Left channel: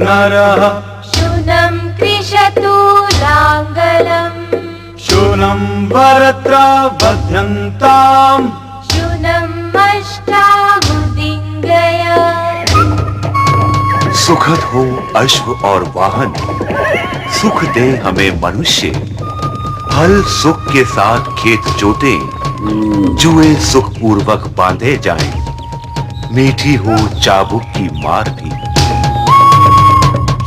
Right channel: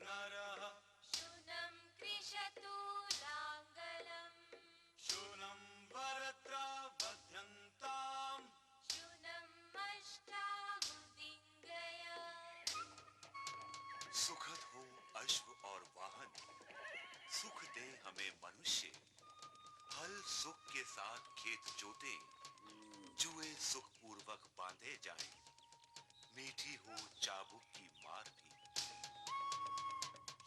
नरः शूनं कृषतु लाङ्गलम् शूनं वरत्र बध्यन्ताम् शूनं अष्टाहुदिङ्गय। सुखद हो अश्व और वाहन, सुख दे हमें मनुष्य। हल सुख के साथ खेत जोते, जुए सुख पूर्वक बांधे जाएं। मीठी हो चाबुक की मार भी।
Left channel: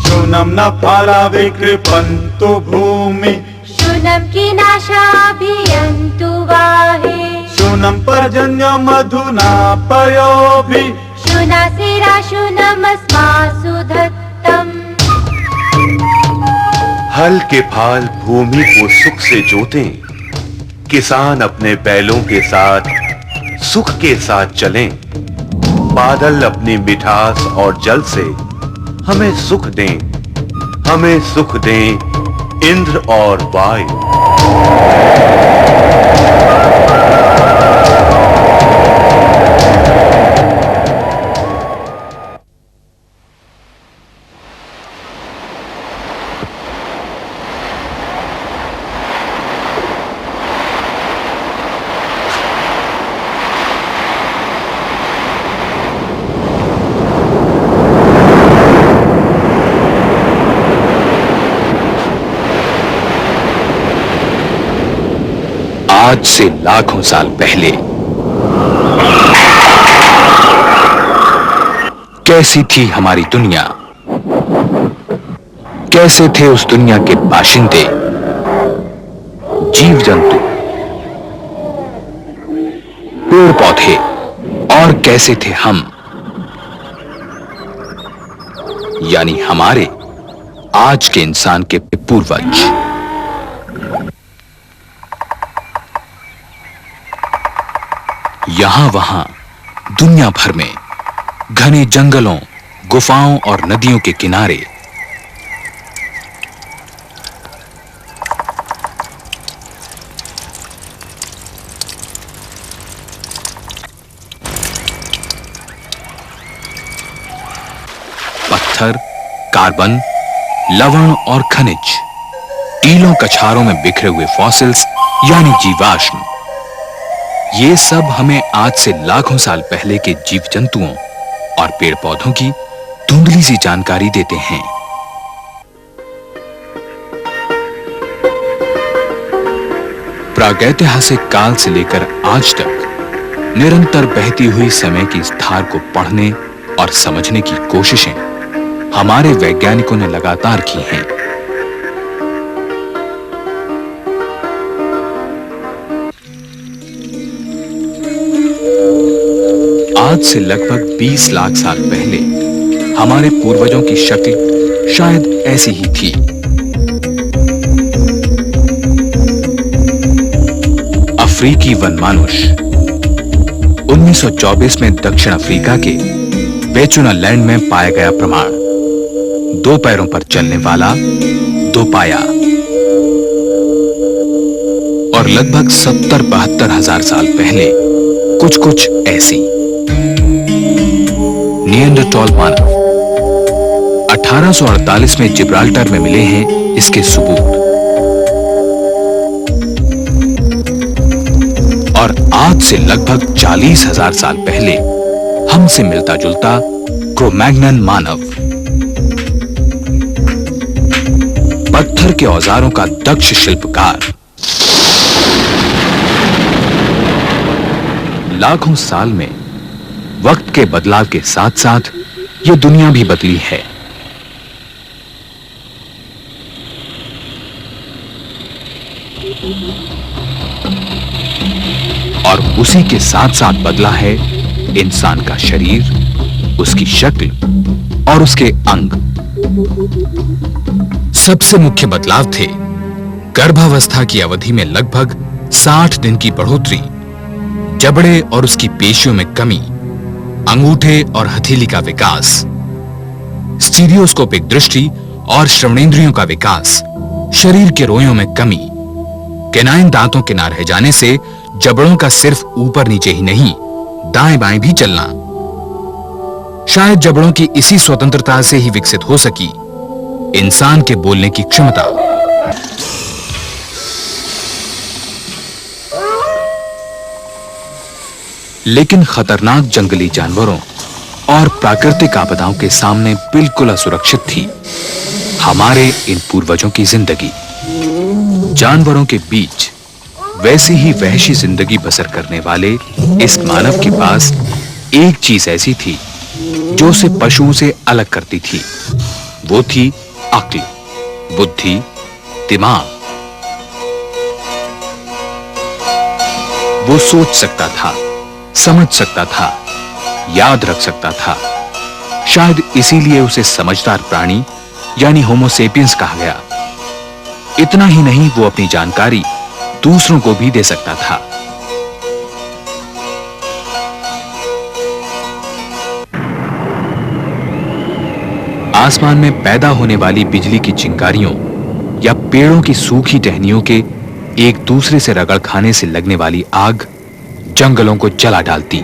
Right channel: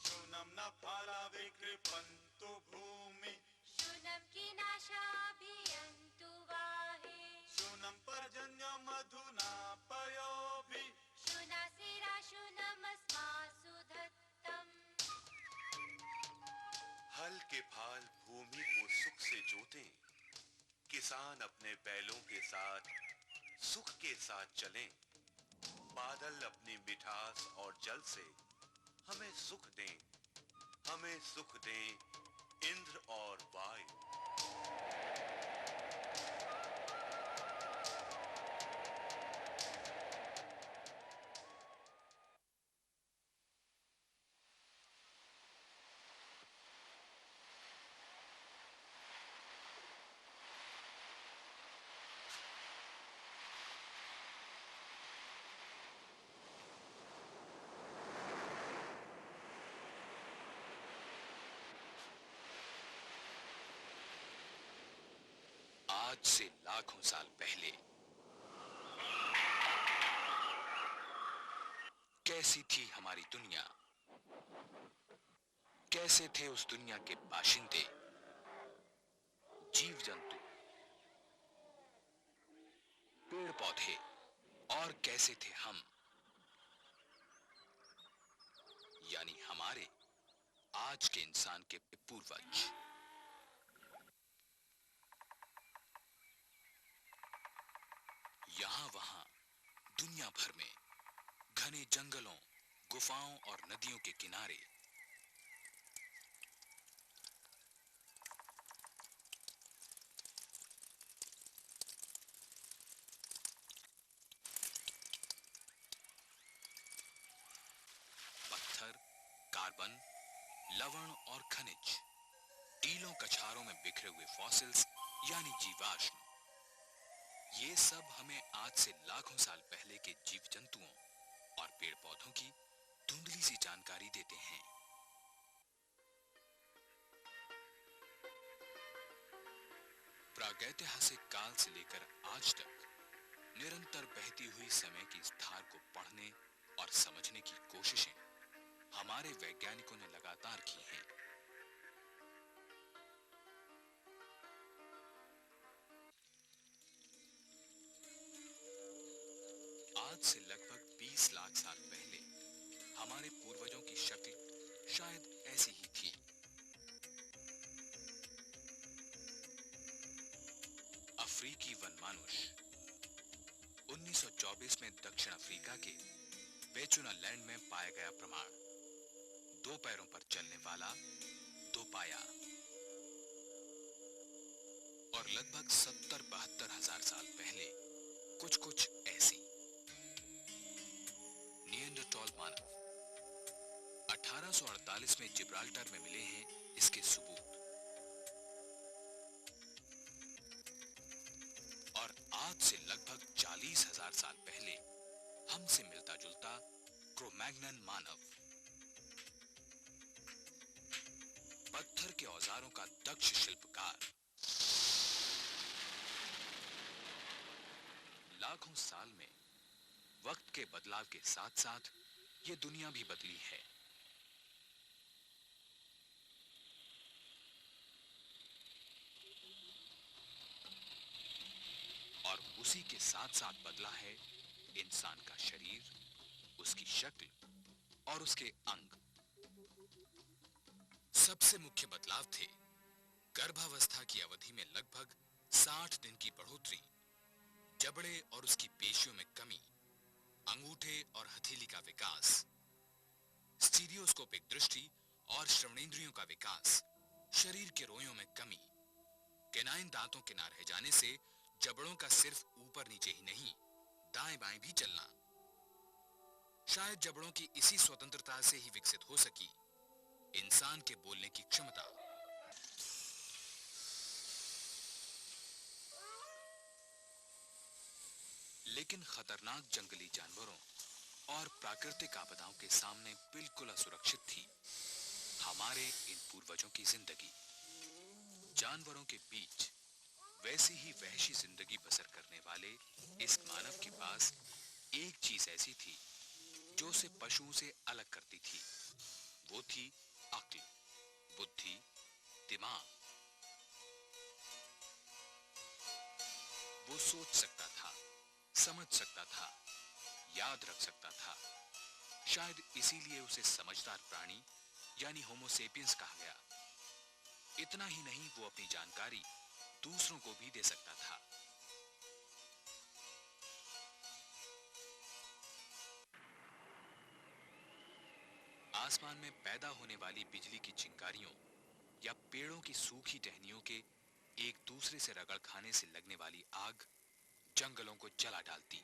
शूनं न फला विकृपन्तु भूमि शूनं कीनाशाभियन्तु वाहे शूनं पर्जन्य मधुना पयोभिः शूनासिरा शूनमस्मासु दत्तम्। हल के फाल भूमि को सुख से जोतें, किसान अपने बैलों के साथ सुख के साथ चलें। बादल अपनी मिठास और जल से हमें सुख दें, हमें सुख दें इंद्र और वायु। आज से लाखों साल पहले कैसी थी हमारी दुनिया, कैसे थे उस दुनिया के बाशिंदे, जीव जंतु, पेड़ पौधे, और कैसे थे हम, यानी हमारे आज के इंसान के पूर्वज। यहां वहां दुनिया भर में घने जंगलों, गुफाओं और नदियों के किनारे पत्थर, कार्बन, लवण और खनिज, टीलों कछारों में बिखरे हुए फॉसिल्स यानी जीवाश्म, ये सब हमें आज से लाखों साल पहले के जीव जंतुओं और पेड़ पौधों की धुंधली सी जानकारी देते हैं। प्रागैतिहासिक काल से लेकर आज तक निरंतर बहती हुई समय की इस धार को पढ़ने और समझने की कोशिशें हमारे वैज्ञानिकों ने लगातार की हैं। आज से लगभग 20 लाख साल पहले हमारे पूर्वजों की शक्ल शायद ऐसी ही थी। अफ्रीकी वनमानुष 1924 में दक्षिण अफ्रीका के बेचुनालैंड में पाया गया प्रमाण, 2 पैरों पर चलने वाला, 2 पाया, और लगभग 70-72 हजार साल पहले कुछ ऐसी। निएंडरटॉल मानव 1848 में जिब्राल्टर में मिले हैं इसके सबूत, और आज से लगभग 40,000 साल पहले हमसे मिलता जुलता क्रो-मैग्नन मानव, पत्थर के औजारों का दक्ष शिल्पकार। लाखों साल में वक्त के बदलाव के साथ साथ यह दुनिया भी बदली है। और उसी के साथ साथ बदला है इंसान का शरीर, उसकी शक्ल और उसके अंग। सबसे मुख्य बदलाव थे गर्भावस्था की अवधि में लगभग 60 दिन की बढ़ोतरी, जबड़े और उसकी पेशियों में कमी, अंगूठे और हथेली का विकास, स्टीरियोस्कोपिक दृष्टि और श्रवणेंद्रियों का विकास, शरीर के रोयों में कमी, कैनाइन दांतों के ना रह जाने से जबड़ों का सिर्फ ऊपर नीचे ही नहीं दाएं बाएं भी चलना, शायद जबड़ों की इसी स्वतंत्रता से ही विकसित हो सकी इंसान के बोलने की क्षमता। लेकिन खतरनाक जंगली जानवरों और प्राकृतिक आपदाओं के सामने बिल्कुल असुरक्षित थी हमारे इन पूर्वजों की जिंदगी। जानवरों के बीच वैसी ही वहशी जिंदगी बसर करने वाले इस मानव के पास एक चीज ऐसी थी जो उसे पशुओं से अलग करती थी। वो थी अक्ल, बुद्धि, दिमाग। वो सोच सकता था, समझ सकता था, याद रख सकता था। शायद इसीलिए उसे समझदार प्राणी यानी होमो सेपियंस कहा गया। इतना ही नहीं, वो अपनी जानकारी दूसरों को भी दे सकता था। आसमान में पैदा होने वाली बिजली की चिंगारियों या पेड़ों की सूखी टहनियों के एक दूसरे से रगड़ खाने से लगने वाली आग जंगलों को जला डालती।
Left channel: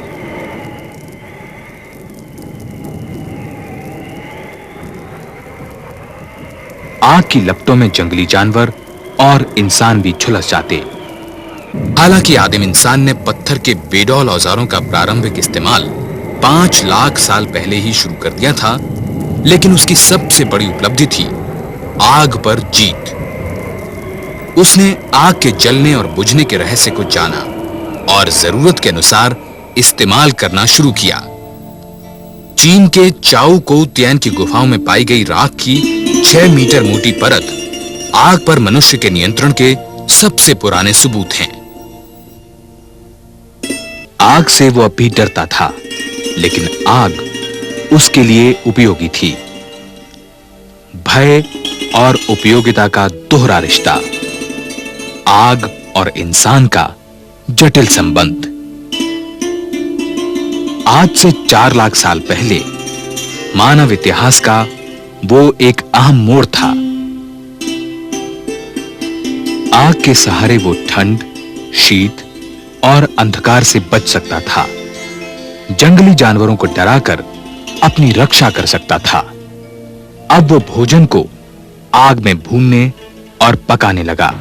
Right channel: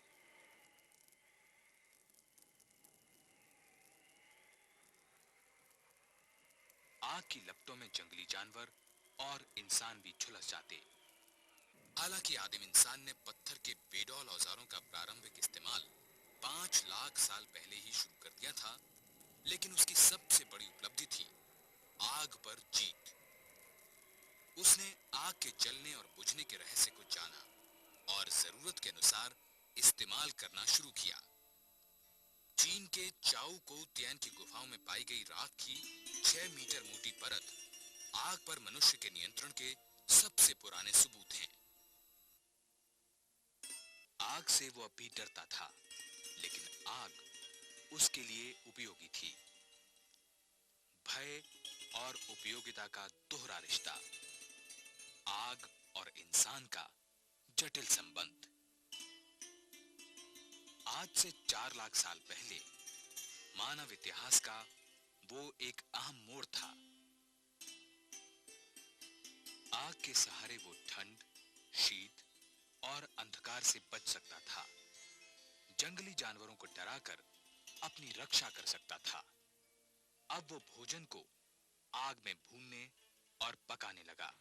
आग की लपटों में जंगली जानवर और इंसान भी झुलस जाते। हालांकि आदिम इंसान ने पत्थर के बेडौल औजारों का प्रारंभिक इस्तेमाल 5 लाख साल पहले ही शुरू कर दिया था, लेकिन उसकी सबसे बड़ी उपलब्धि थी आग पर जीत। उसने आग के जलने और बुझने के रहस्य को जाना और जरूरत के अनुसार इस्तेमाल करना शुरू किया। चीन के चाओ कोउ तियान की गुफाओं में पाई गई राख की 6 मीटर मोटी परत आग पर मनुष्य के नियंत्रण के सबसे पुराने सबूत हैं। आग से वो अब भी डरता था, लेकिन आग उसके लिए उपयोगी थी। भय और उपयोगिता का दोहरा रिश्ता, आग और इंसान का जटिल संबंध। आज से 4 लाख साल पहले मानव इतिहास का वो एक अहम मोड़ था। आग के सहारे वो ठंड, शीत और अंधकार से बच सकता था। जंगली जानवरों को डराकर अपनी रक्षा कर सकता था। अब वो भोजन को आग में भूनने और पकाने लगा।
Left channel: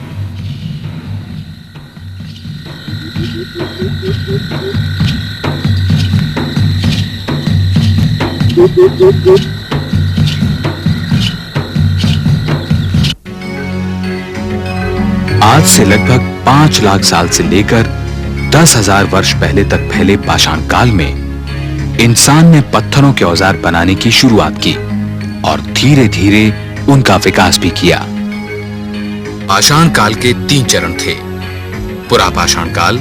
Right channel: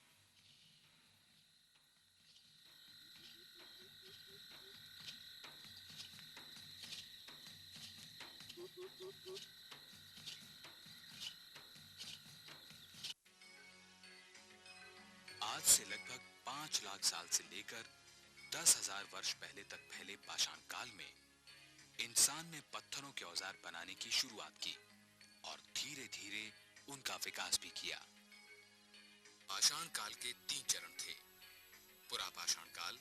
आज से लगभग 5 लाख साल से लेकर 10,000 वर्ष पहले तक फैले पाषाण काल में इंसान ने पत्थरों के औजार बनाने की शुरुआत की और धीरे धीरे उनका विकास भी किया। पाषाण काल के 3 चरण थे: पुरा पाषाण काल,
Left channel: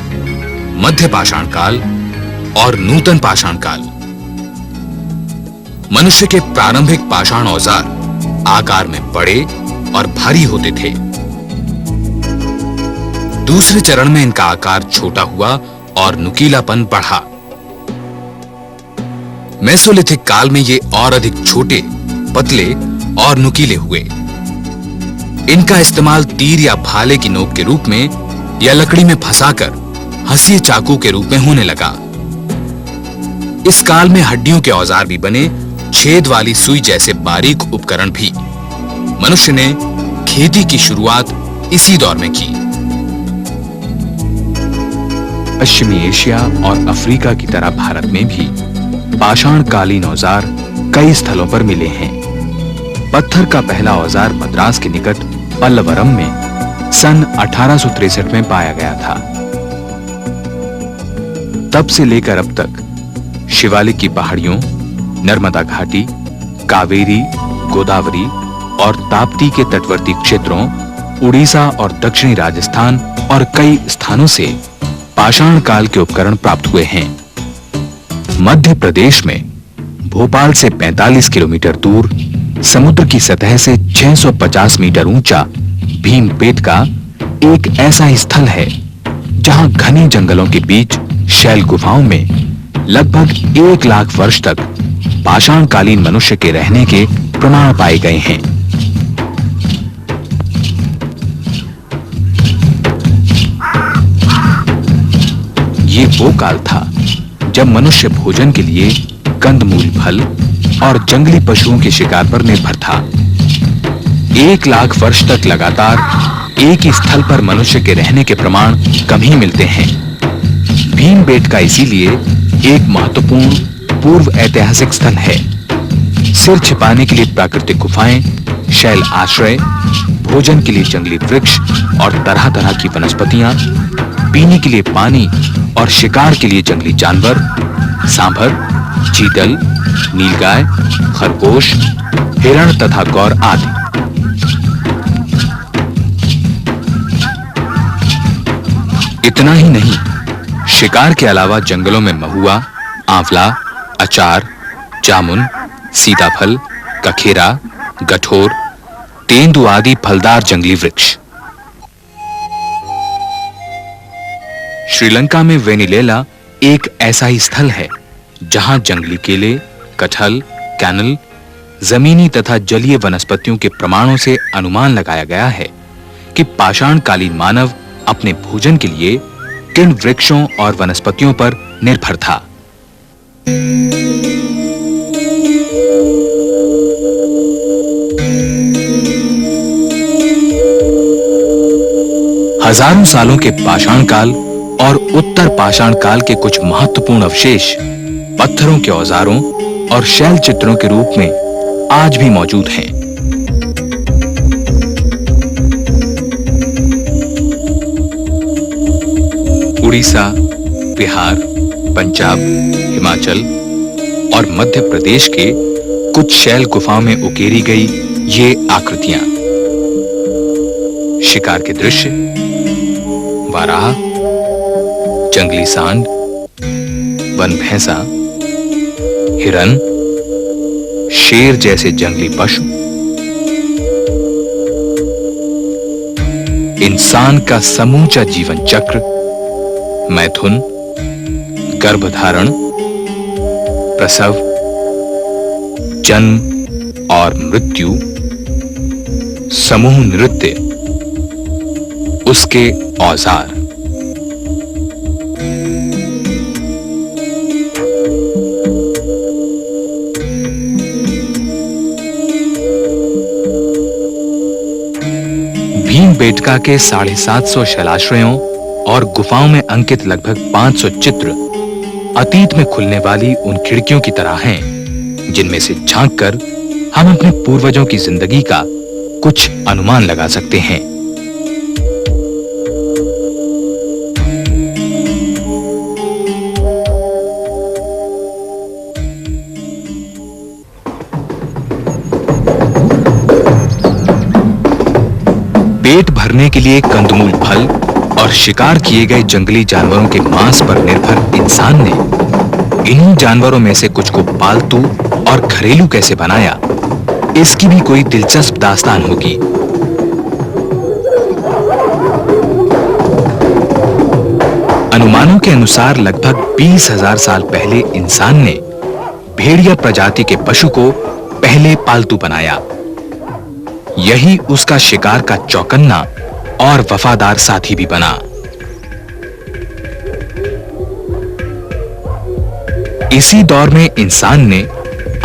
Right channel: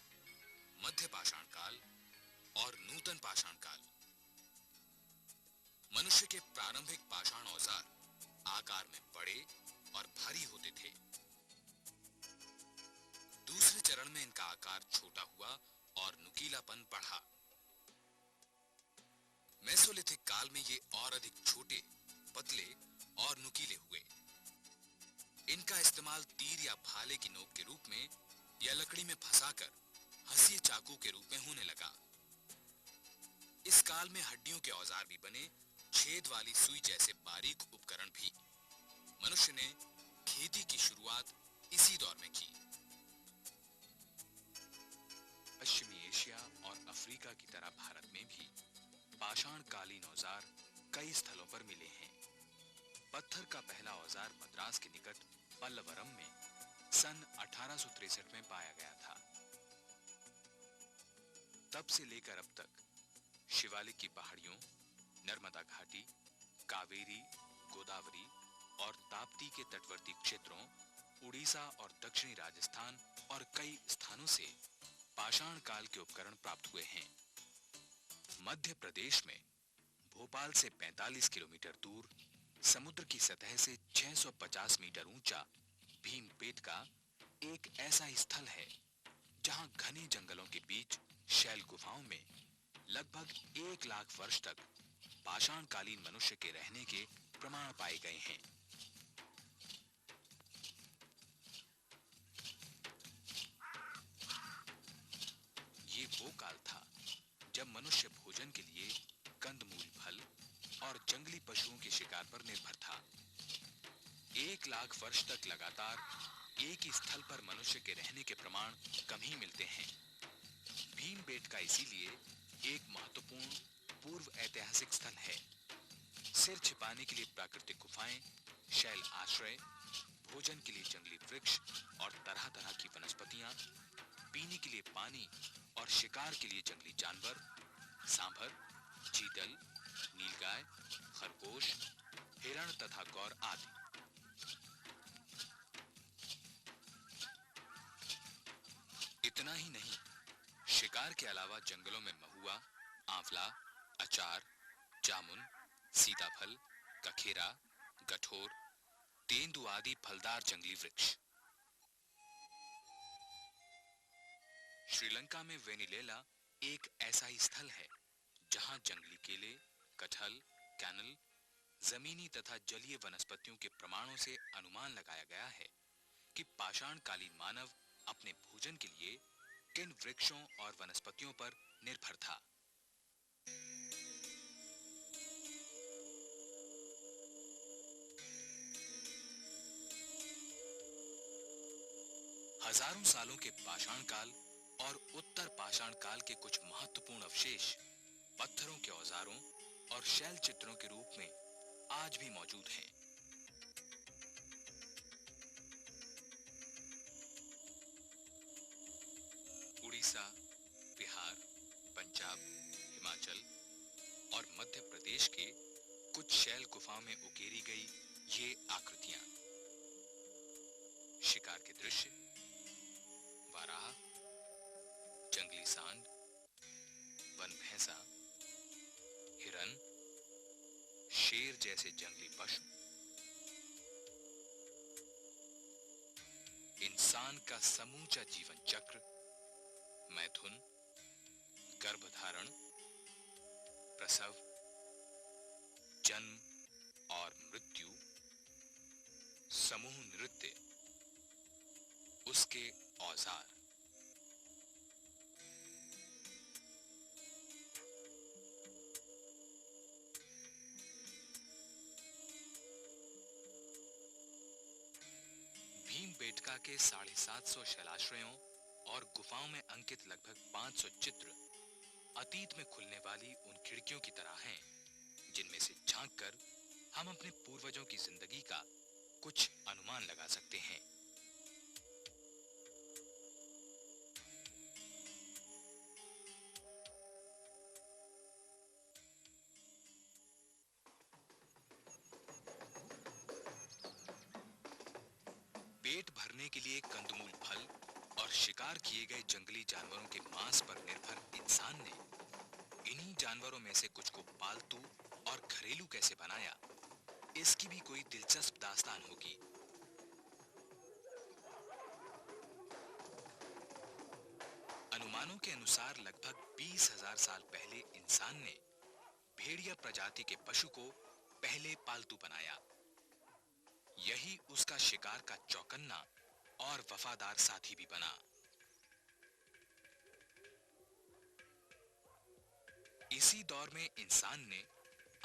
मध्य पाषाण काल और नूतन पाषाण काल। मनुष्य के प्रारंभिक पाषाण औजार आकार में बड़े और भारी होते थे। दूसरे चरण में इनका आकार छोटा हुआ और नुकीलापन बढ़ा। मेसोलिथिक काल में ये और अधिक छोटे, पतले और नुकीले हुए। इनका इस्तेमाल तीर या भाले की नोक के रूप में या लकड़ी में फंसाकर हंसिए चाकू के रूप में होने लगा। इस काल में हड्डियों के औजार भी बने, छेद वाली सुई जैसे बारीक उपकरण भी। मनुष्य ने खेती की शुरुआत इसी दौर में की। पश्चिमी एशिया और अफ्रीका की तरह भारत में भी पाषाण कालीन औजार कई स्थलों पर मिले हैं। पत्थर का पहला औजार मद्रास के निकट पल्लवरम में सन 1863 में पाया गया था। तब से लेकर अब तक शिवालिक की पहाड़ियों, नर्मदा घाटी, कावेरी, गोदावरी और ताप्ती के तटवर्ती क्षेत्रों, उड़ीसा और दक्षिणी राजस्थान और कई स्थानों से पाषाण काल के उपकरण प्राप्त हुए हैं। मध्य प्रदेश में भोपाल से 45 किलोमीटर दूर समुद्र की सतह से 650 मीटर ऊंचा भीमपेटका एक ऐसा ही स्थल है जहां घने जंगलों के बीच शैल गुफाओं में लगभग 1 लाख वर्ष तक पाषाण कालीन मनुष्य के रहने के प्रमाण पाए गए हैं। ये वो काल था जब मनुष्य भोजन के लिए कंदमूल फल और जंगली पशुओं के शिकार पर निर्भर था। 1 लाख वर्ष तक लगातार एक ही स्थल पर मनुष्य के रहने के प्रमाण कम ही मिलते हैं। भीमबेटका इसीलिए एक महत्वपूर्ण पूर्व ऐतिहासिक स्थल है। सिर छिपाने के लिए प्राकृतिक गुफाएं, शैल आश्रय, भोजन के लिए जंगली वृक्ष और तरह-तरह की वनस्पतियां, पीने के लिए पानी और शिकार के लिए जंगली जानवर, सांभर, चीतल, नीलगाय, खरगोश, हिरण तथा गौर आदि। इतना ही नहीं, शिकार के अलावा जंगलों में महुआ, आंवला, अचार, जामुन, सीताफल, कखेरा, गठोर, तेंदु आदि फलदार जंगली वृक्ष। श्रीलंका में वेनिलेला एक ऐसा ही स्थल है जहां जंगली केले, कटहल, कैनल, जमीनी तथा जलीय वनस्पतियों के प्रमाणों से अनुमान लगाया गया है कि पाषाणकालीन मानव अपने भोजन के लिए किन वृक्षों और वनस्पतियों पर निर्भर था। हजारों सालों के पाषाण काल और उत्तर पाषाण काल के कुछ महत्वपूर्ण अवशेष पत्थरों के औजारों और शैल चित्रों के रूप में आज भी मौजूद हैं। उड़ीसा, बिहार, पंजाब, हिमाचल और मध्य प्रदेश के कुछ शैल गुफाओं में उकेरी गई ये आकृतियां शिकार के दृश्य, वाराह, जंगली सांड, वन भैंसा, हिरन, शेर जैसे जंगली पशु, इंसान का समूचा जीवन चक्र, मैथुन, गर्भधारण, प्रसव, जन्म और मृत्यु, समूह नृत्य, उसके औजार। भीमबेटका के 750 शैलाश्रयों और गुफाओं में अंकित लगभग 500 चित्र अतीत में खुलने वाली उन खिड़कियों की तरह हैं जिनमें से झांककर हम अपने पूर्वजों की जिंदगी का कुछ अनुमान लगा सकते हैं। पेट भरने के लिए कंदमूल फल और शिकार किए गए जंगली जानवरों के मांस पर निर्भर इंसान ने इन्हीं जानवरों में से कुछ को पालतू और घरेलू कैसे बनाया, इसकी भी कोई दिलचस्प दास्तान होगी। अनुमानों के अनुसार लगभग 20,000 साल पहले इंसान ने भेड़िया प्रजाति के पशु को पहले पालतू बनाया। यही उसका शिकार का चौकन्ना और वफादार साथी भी बना। इसी दौर में इंसान ने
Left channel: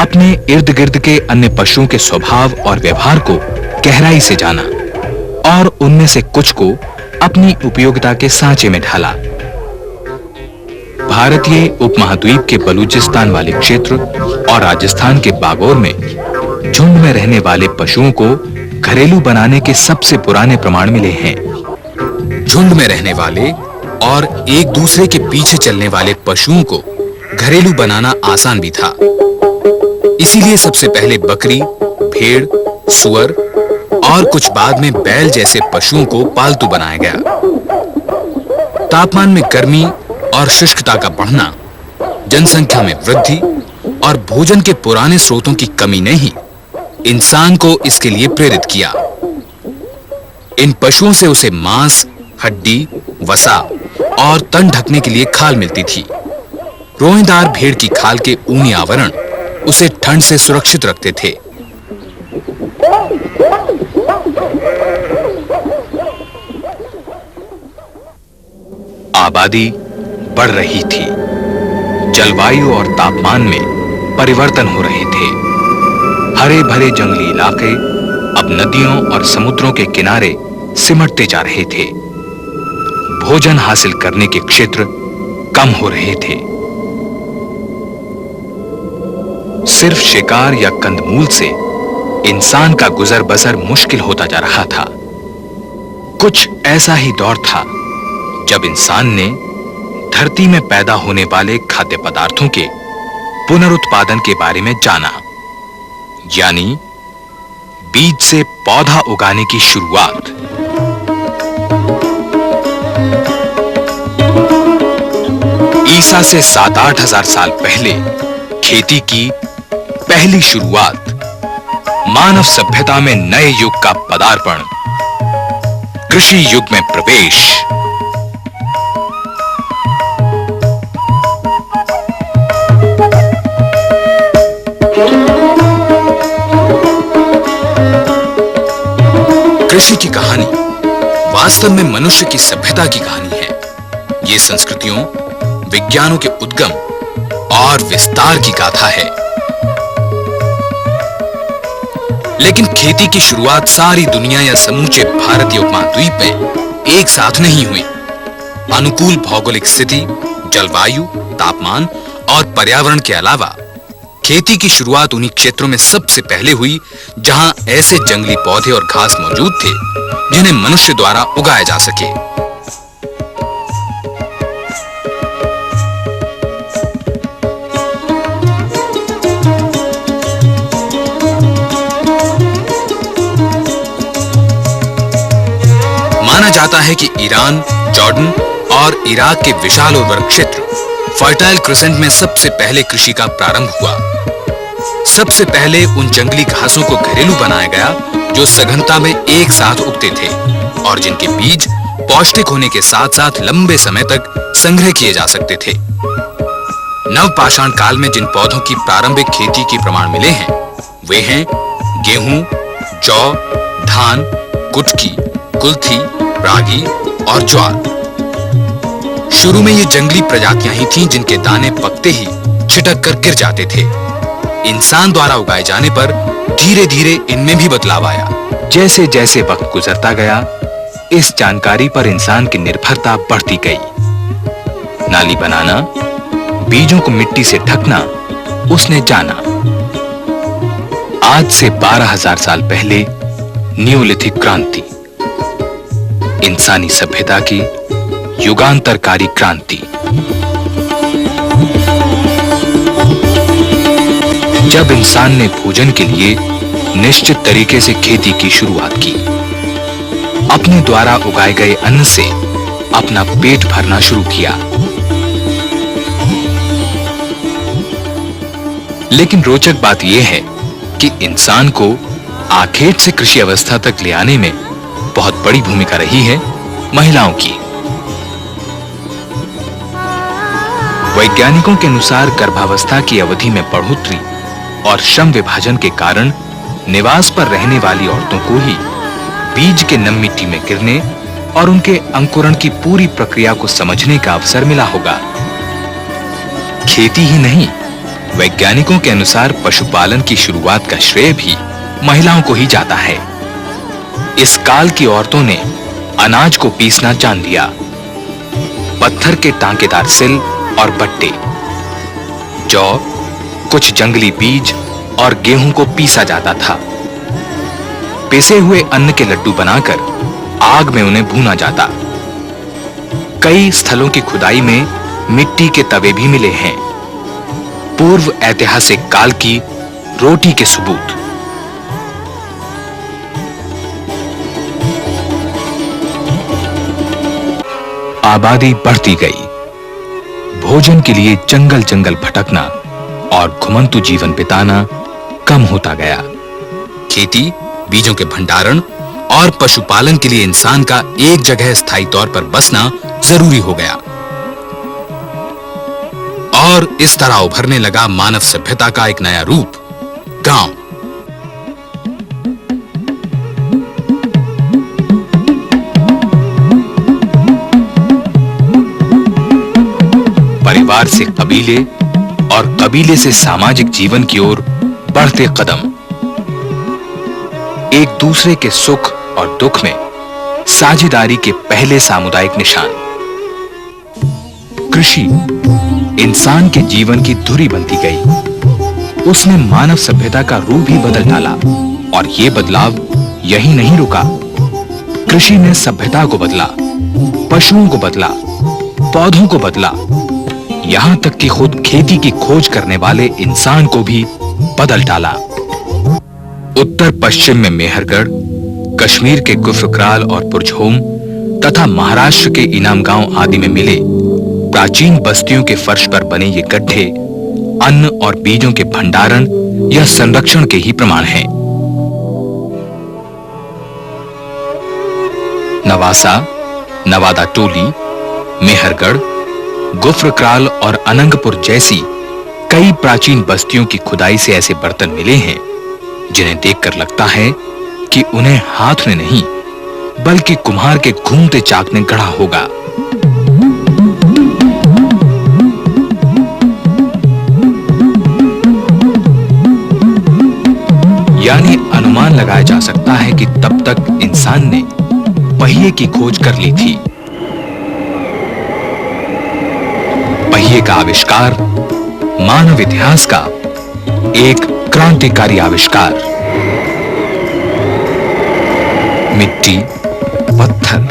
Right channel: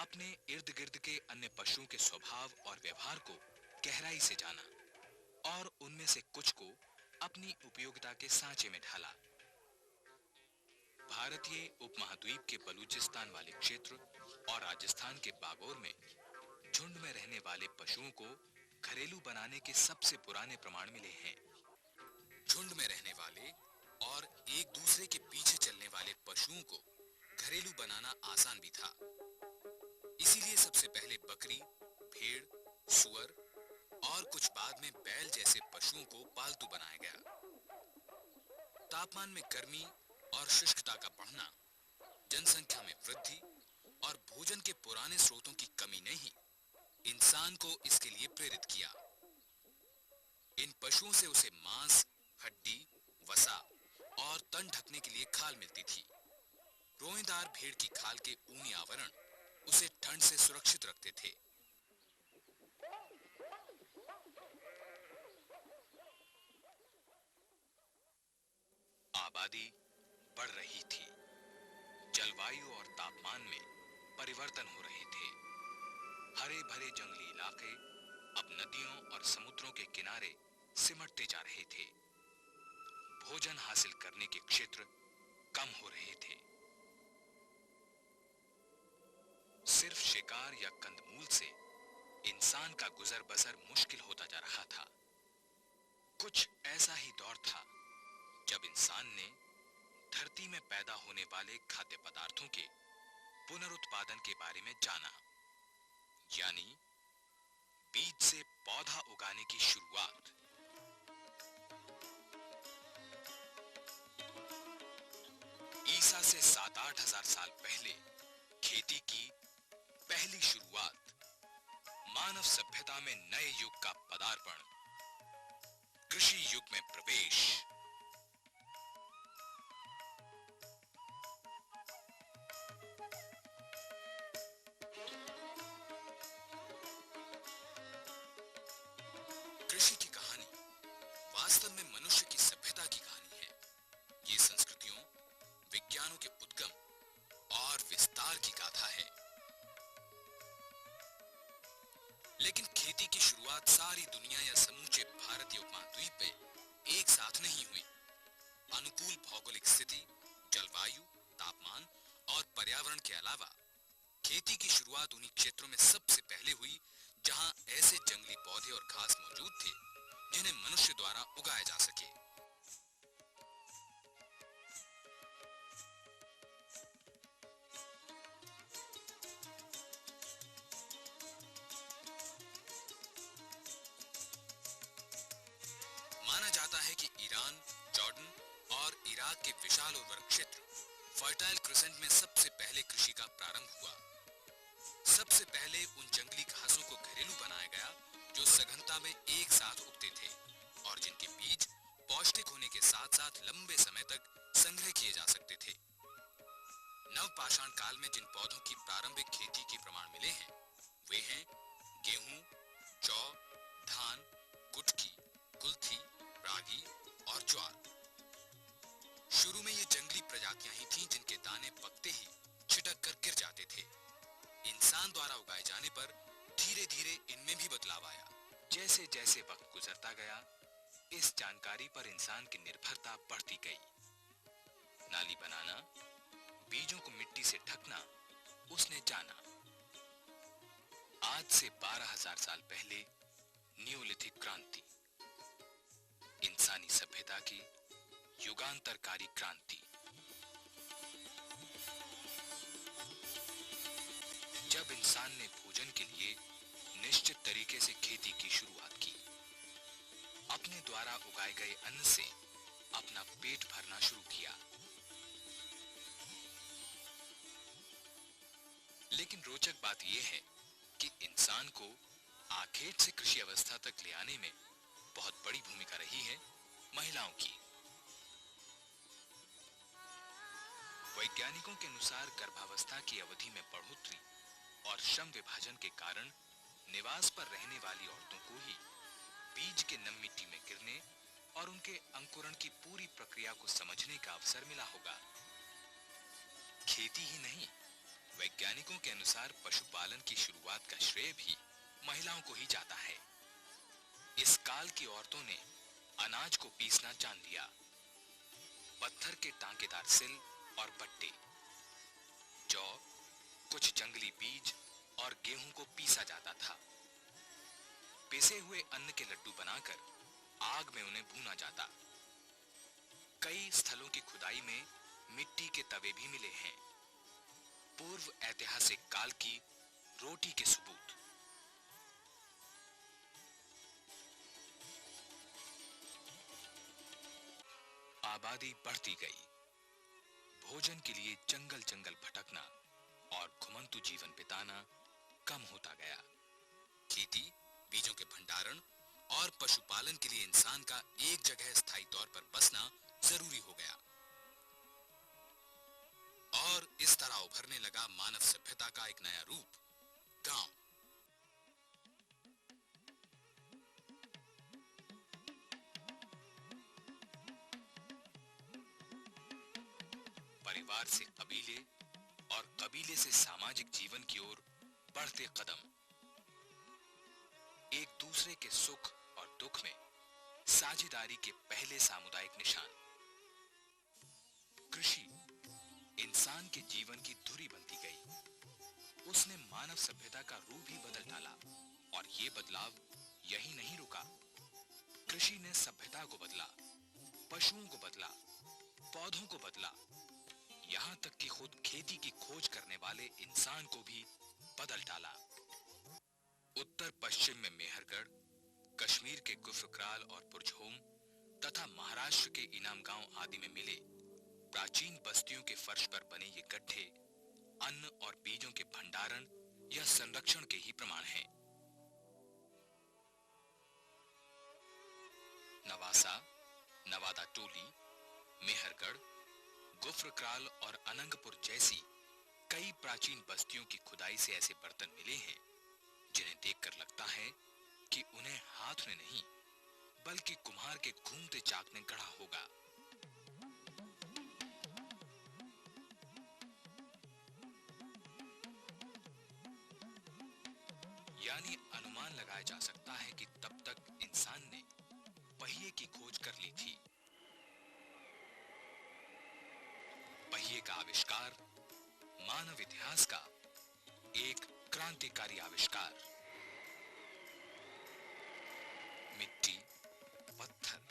अपने इर्द गिर्द के अन्य पशुओं के स्वभाव और व्यवहार को गहराई से जाना और उनमें से कुछ को अपनी उपयोगिता के सांचे में ढाला। भारतीय उपमहाद्वीप के बलूचिस्तान वाले क्षेत्र और राजस्थान के बागोर में झुंड में रहने वाले पशुओं को घरेलू बनाने के सबसे पुराने प्रमाण मिले हैं। झुंड में रहने वाले और एक दूसरे के पीछे चलने वाले पशुओं को घरेलू बनाना आसान भी था। इसीलिए सबसे पहले बकरी, भेड़, सुअर और कुछ बाद में बैल जैसे पशुओं को पालतू बनाया गया। तापमान में गर्मी और शुष्कता का बढ़ना, जनसंख्या में वृद्धि और भोजन के पुराने स्रोतों की कमी ने ही इंसान को इसके लिए प्रेरित किया। इन पशुओं से उसे मांस, हड्डी, वसा और तन ढकने के लिए खाल मिलती थी। रोएदार भेड़ की खाल के ऊनी आवरण उसे ठंड से सुरक्षित रखते थे। आबादी बढ़ रही थी। जलवायु और तापमान में परिवर्तन हो रहे थे। हरे भरे जंगली इलाके अब नदियों और समुद्रों के किनारे सिमटते जा रहे थे। भोजन हासिल करने के क्षेत्र कम हो रहे थे। सिर्फ शिकार या कंदमूल से इंसान का गुजर बसर मुश्किल होता जा रहा था। कुछ ऐसा ही दौर था जब इंसान ने धरती में पैदा होने वाले खाद्य पदार्थों के पुनरुत्पादन के बारे में जाना, यानी बीज से पौधा उगाने की शुरुआत। ईसा से 7-8 हजार साल पहले खेती की पहली शुरुआत, मानव सभ्यता में नए युग का पदार्पण, कृषि युग में प्रवेश। कृषि की कहानी वास्तव में मनुष्य की सभ्यता की कहानी है। ये संस्कृतियों, विज्ञानों के उद्गम और विस्तार की गाथा है। लेकिन खेती की शुरुआत सारी दुनिया या समूचे भारतीय उपमहाद्वीप में एक साथ नहीं हुई। अनुकूल भौगोलिक स्थिति, जलवायु, तापमान और पर्यावरण के अलावा खेती की शुरुआत उन्हीं क्षेत्रों में सबसे पहले हुई जहां ऐसे जंगली पौधे और घास मौजूद थे जिन्हें मनुष्य द्वारा उगाया जा सके। माना जाता है कि ईरान, जॉर्डन और इराक के विशाल उर्वर क्षेत्र फर्टाइल क्रिसेंट में सबसे पहले कृषि का प्रारंभ हुआ। सबसे पहले उन जंगली घासों को घरेलू बनाया गया जो सघनता में एक साथ उगते थे और जिनके बीज पौष्टिक होने के साथ साथ लंबे समय तक संग्रह किए जा सकते थे। नवपाषाण काल में जिन पौधों की प्रारंभिक खेती के प्रमाण मिले हैं वे हैं गेहूं, जौ, धान, कुटकी, कुल्थी, रागी और ज्वार। शुरू में ये जंगली प्रजातियां ही थीं जिनके दाने पकते ही छिटक कर गिर जाते थे। इंसान द्वारा उगाए जाने पर धीरे धीरे इनमें भी बदलाव आया। जैसे जैसे वक्त गुजरता गया, इस जानकारी पर इंसान की निर्भरता बढ़ती गई। नाली बनाना, बीजों को मिट्टी से ढकना उसने जाना। आज से 12,000 साल पहले न्यूलिथिक क्रांति, इंसानी सभ्यता की युगांतरकारी क्रांति। जब इंसान ने भोजन के लिए निश्चित तरीके से खेती की शुरुआत की, अपने द्वारा उगाए गए अन्न से अपना पेट भरना शुरू किया। लेकिन रोचक बात यह है कि इंसान को आखेट से कृषि अवस्था तक ले आने में बहुत बड़ी भूमिका रही है महिलाओं की। वैज्ञानिकों के अनुसार गर्भावस्था की अवधि में बढ़ोतरी और श्रम विभाजन के कारण निवास पर रहने वाली औरतों को ही बीज के नम मिट्टी में गिरने और उनके अंकुरण की पूरी प्रक्रिया को समझने का अवसर मिला होगा। खेती ही नहीं, वैज्ञानिकों के अनुसार पशुपालन की शुरुआत का श्रेय भी महिलाओं को ही जाता है। इस काल की औरतों ने अनाज को पीसना जान लिया। पत्थर के टांकेदार सिल और बट्टे, जौ, कुछ जंगली बीज और गेहूं को पीसा जाता था। पिसे हुए अन्न के लड्डू बनाकर आग में उन्हें भूना जाता। कई स्थलों की खुदाई में मिट्टी के तवे भी मिले हैं, पूर्व ऐतिहासिक काल की रोटी के सबूत। आबादी बढ़ती गई, भोजन के लिए जंगल जंगल भटकना और घुमंतु जीवन बिताना कम होता गया। खेती, बीजों के भंडारण और पशुपालन के लिए इंसान का एक जगह स्थायी तौर पर बसना जरूरी हो गया और इस तरह उभरने लगा मानव सभ्यता का एक नया रूप, गांव। परिवार से कबीले और कबीले से सामाजिक जीवन की ओर बढ़ते कदम, एक दूसरे के सुख और दुख में साझेदारी के पहले सामुदायिक निशान। कृषि इंसान के जीवन की धुरी बनती गई। उसने मानव सभ्यता का रूप ही बदल डाला और यह बदलाव यही नहीं रुका। कृषि ने सभ्यता को बदला, पशुओं को बदला, पौधों को बदला, यहां तक कि खुद खेती की खोज करने वाले इंसान को भी बदल डाला। उत्तर पश्चिम में मेहरगढ़, कश्मीर के गुफरक्राल और पुरझोम तथा महाराष्ट्र के इनाम गांव आदि में मिले प्राचीन बस्तियों के फर्श पर बने ये गड्ढे अन्न और बीजों के भंडारण या संरक्षण के ही प्रमाण हैं। नवासा, नवादा टोली, मेहरगढ़, गुफरक्राल और अनंगपुर जैसी कई प्राचीन बस्तियों की खुदाई से ऐसे बर्तन मिले हैं जिन्हें देखकर लगता है कि उन्हें हाथ ने नहीं बल्कि कुम्हार के घूमते चाक ने गढ़ा होगा। यानी अनुमान लगाया जा सकता है कि तब तक इंसान ने पहिए की खोज कर ली थी। पहिए का आविष्कार मानव इतिहास का एक क्रांतिकारी आविष्कार। मिट्टी, पत्थर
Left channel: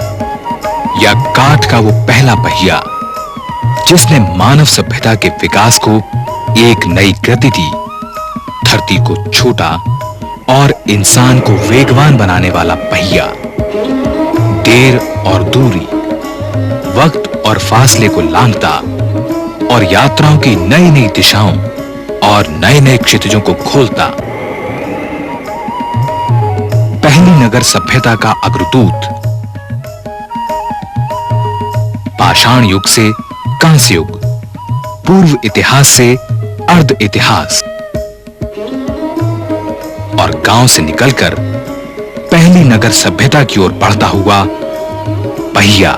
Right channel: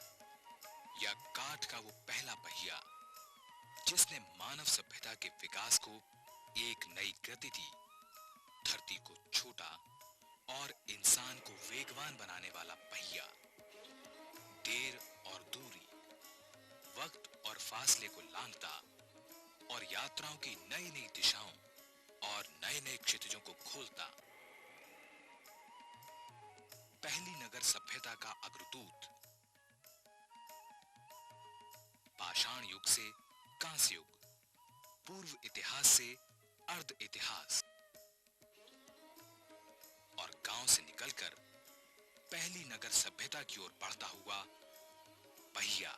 या काठ का वो पहला पहिया जिसने मानव सभ्यता के विकास को एक नई गति दी, धरती को छोटा और इंसान को वेगवान बनाने वाला पहिया, देर और दूरी, वक्त और फासले को लांघता और यात्राओं की नई नई दिशाओं और नए नए क्षितिजों को खोलता। पहली नगर सभ्यता का अग्रदूत, पाषाण युग से कांस्य युग, पूर्व इतिहास से अर्ध इतिहास और गांव से निकलकर पहली नगर सभ्यता की ओर बढ़ता हुआ पहिया।